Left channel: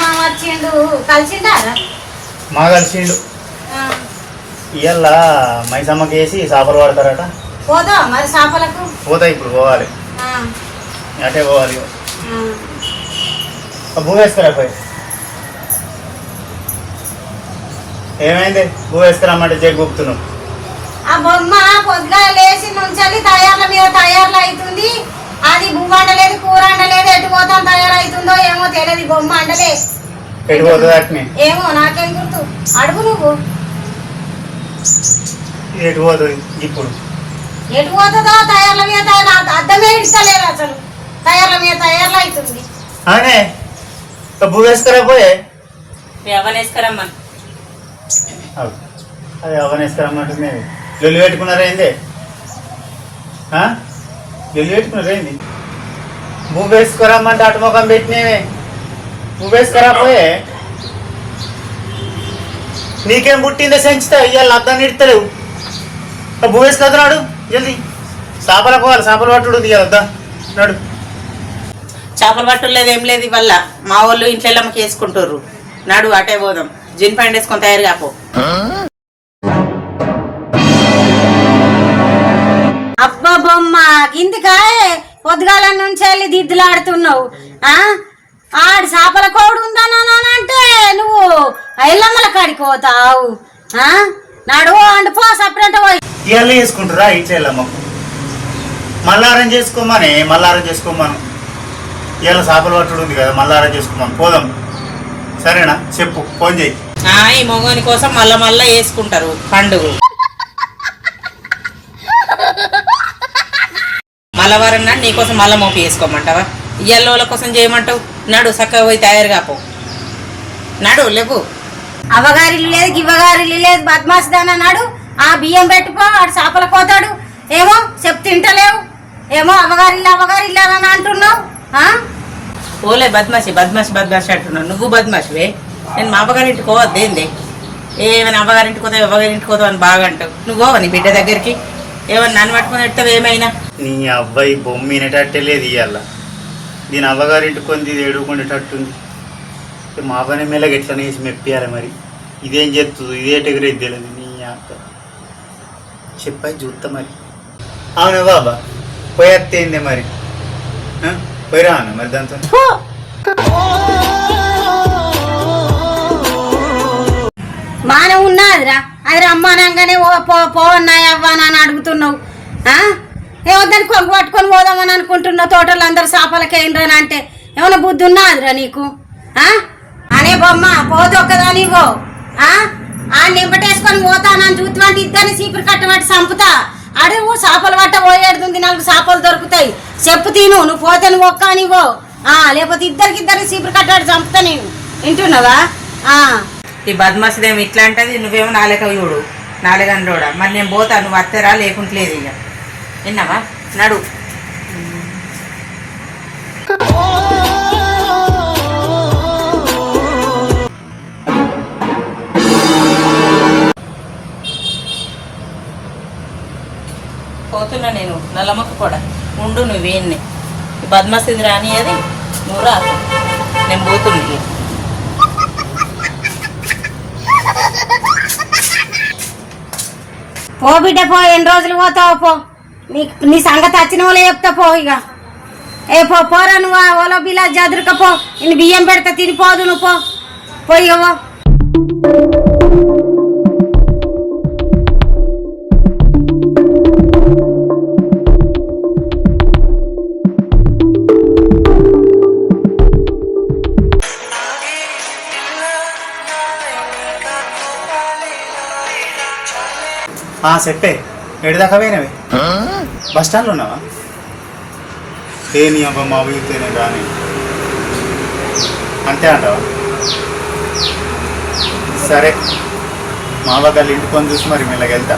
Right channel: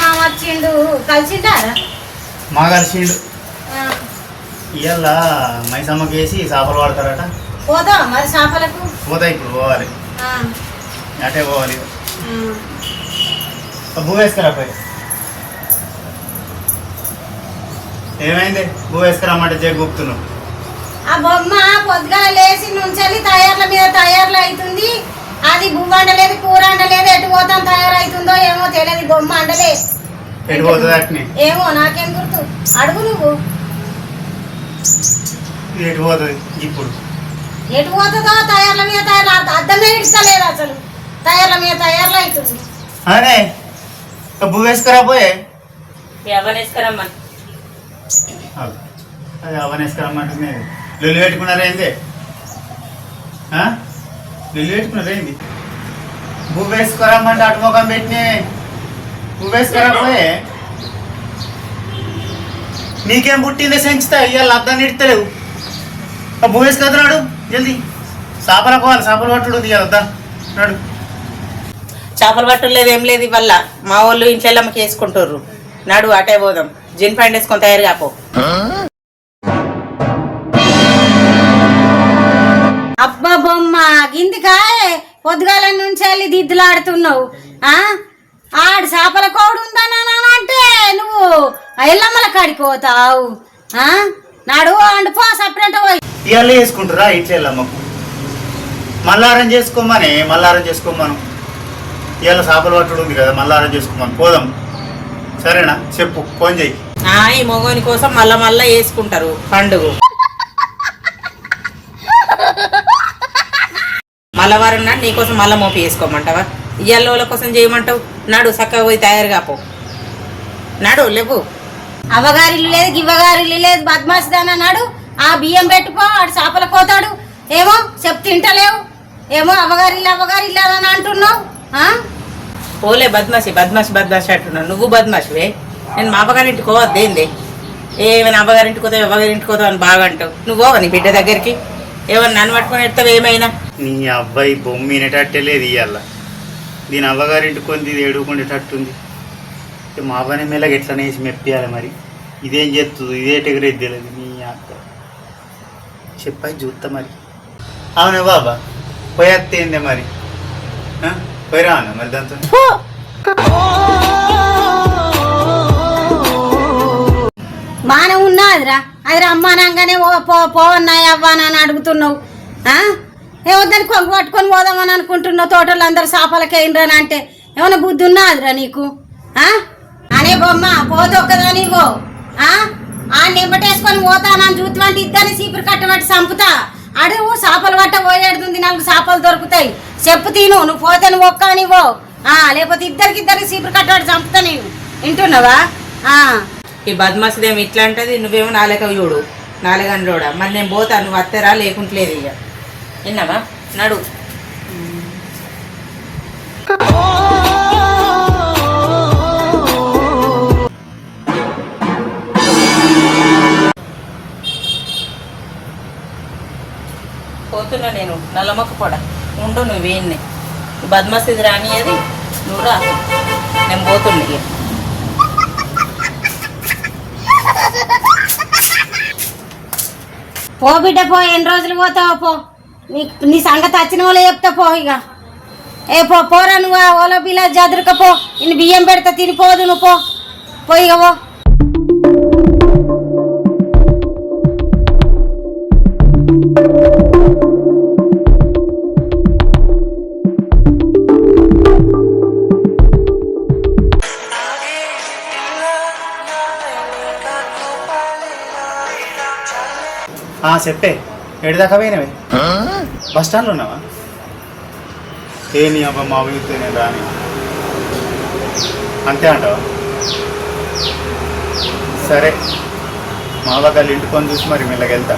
మా వచ్చిండు. కలిసిండా? ఇవాళ మైసమ్మకి వేసి చేపలు పడతారట పోదా మరి చేపలకు? పోతా ఇప్పుడు పోవాలి. అటే పోవాలి. ఆ. భూమి వేసుకురా పోయి. ఏమైంది? భూ వేసుకురమ్మంటే చెడు గుప్తున్నావు ఆ బొమ్మ పొద్దుగాల లేచి ముంచాలి తయారుల మీద తయారులు అవుతుంది అది అండలేదు కూర అండలేదు ఎటు పోతుంది అట్నే? ఏమో నాకేం గుర్తు? అడుగు నువ్వు. ఇది ఎటు పోతుంది ఇప్పుడు. ఎటు పోతుందో తయారుల మీద తయారు అర్థమే ఇస్తలేదు అసలు. తయారుల మీద తయారులు అవుతుంది. వేసుకురా పోయే. ఎవరేసుకురమ్మా. అది అవన్నీ వేసుకురమ్మంటుంది లొల్లి పెట్టుకున్నారా ఏంది? ఆ? లొల్లి పెట్టుకున్నారా ఏంది? భూ వేసుకురమ్మంటే అటు ముఖం పెట్టినవి. భూ వేసుకురా పోయే నీకేం పుట్టిందో సెంచుతా ఇవాళ అర్థం ఇడతలేవు. భూ వేసుకొద్దునాడు జల్దీ. చేపల పోవాలి చేపలు పట్టుడు ఉంది కదా నాడు. చేపలు పట్టలేదు ఏం లేదు ఇవల్ల మా వాళ్ళు ఇంట్లో అమ్మకి వేసుకుంటారు నడు అటే పోదాం. జిన్ ప్యాంట్ వేసుకొని తయారు కాపో. అబ్బా బొమ్మ గిందికాయ పొద్దుగాల నుంచి వెళ్ళి దిద్దులాడుతున్నావు చేపల కోడు ఉందని అంటే నువ్వు ఎల్లమ్మల కాడికి పోతావు ఆ? నాడు అండు పో సపరేట్ పోయి. ఇవాళ వేసుకుంటారా ఇట్లా వెళ్ళమ్మకు మల్లారం చేసుకోమని మల్లారం చేసుకోమను. ఇవాళ చేపలు పట్టుడు ఉంది కదా మల్లారం చేసుకోమని. పోదాం. సరేనా? చెప్పు ఫోన్ చేయి. ఆ, ఈ మొగోని కోసం మళ్ళా మళ్ళా వేసుకుంటారు పండుగ మల్లవారం నాడు నీకోసం మళ్ళా మోపి వేసుకోమంటావా? ఇయ్యాల వాళ్ళ కోసం చేయమంటావు? నడు చక్కగా పోయి తయారు కాపో. నడు లేవు అవ్వగారిల్లు లేదు గివ్వగారిల్లు లేదు బద్మాస్ దాని అన్నాడు ఆ బియ్యం పెట్టుకో ఆడు చేపల పోతాడు ఏమో చెప్ తింటలేవు. ఏమో అవగారిల్లు అవగారిల్లు అని అంటున్నావు. పోలే బద్మాషి బద్మాషి బద్మాషి అంటున్నావు. నువ్వు బద్మాషివే నేను మా అవ్వగారింటికి పోవద్దు ఏంది? ఏమైనా అబ్బగారింటికి పోతావు అవ్వగారింటికి పోతావు అని బాగా అంటావు. నువ్వు నీ బిడ్డ దగ్గరికి? ఏమన్నా నన్ను పట్టుకొని ఎడతావు ఏమైనా? నీ అబ్బాయి బొమ్మ వినేటట్టే లేదు ఇవాళ దీని అవ్వగారింటి కొంది ఇది ఏడుకుండేటట్టుంది. మా అవ్వనే మెల్లగా ఎట్లా వేసి మెప్పియాలి మరి. ఇదేం చెప్తుంది ఇదే ఎగరేది తెలియదు నీ అక్క. చెప్పాయి చూస్తా మరి. అవునా బాబా? పోయేత్తేందే మరి? పోయిరా మరి దాంతో? ఫు! మానం ఉన్నదిరా అది రమ్మానంగానే పో పోవన్నాయి అవ్వా అని అడుగుతున్నావు. ఆ? పట్టుకొని పోదామని అనుకుంటున్న తోటలు అందరు చేపలకేయండి అంటే ఏమైనా బుద్ధి ఉన్నాదిరా నీకు? అనే బొమ్మ పోదొక్కదా నీవో ఆ? ఆ నింబటేసుకొని పోతానని చూద్దాంటే ఇద్దరిని చీపురు కట్టబట్టి చంపుతా. అడుగు చేపలు పట్ట పోయేడుతుంది నాకు చేపలు దొరుకుతాయి. చెప్పు తిను నువ్వు పోతే నువ్వు ఒక్క నీవో ఆ లేకపోతే ఇద్దరికి ఇద్దరికి సీపురు కట్టబట్టి చంపుతా నేను. వింటున్నావా? ఆ. ఈ బద్మాసిదేమో ఇట్లా అంటది నువ్వేమో నాలుక చూడు నాలుగండ్రోడా మరి నేను పోతా నువ్వు అత్తరా లేకుంటలేదు ఇక. విన్నావా? నడు పోతున్నా నేను నల్లమ్మకు కూడా ఉండు నువ్వు వేయన్ని బద్మసిది రానియది నువ్వు రాదు నేను పోతున్నా. పో బిడ్డ పో. ఎన్ని రోజులు పోతావో పో. నీ నీ సంగతి వచ్చిన వాళ్ళే చెప్తా పో ఇక. ఏ పో పోరా నువ్వు ఓలో బిలా జదురుక పో. నేను బియ్యం పెడతా తినిపోదు నువ్వు పో. పోయి పో. ఆ సెట్టే. ఏడు దాకా పోయినవే? బస్ స్టాండ్లో ఉన్నావా? ఏ నీ అబ్బా మా ఊరికి రాని. అంతే అంటావా? సరే మా వాళ్ళ ఇంటికొని చూసి మరి మెల్లగెళ్తా?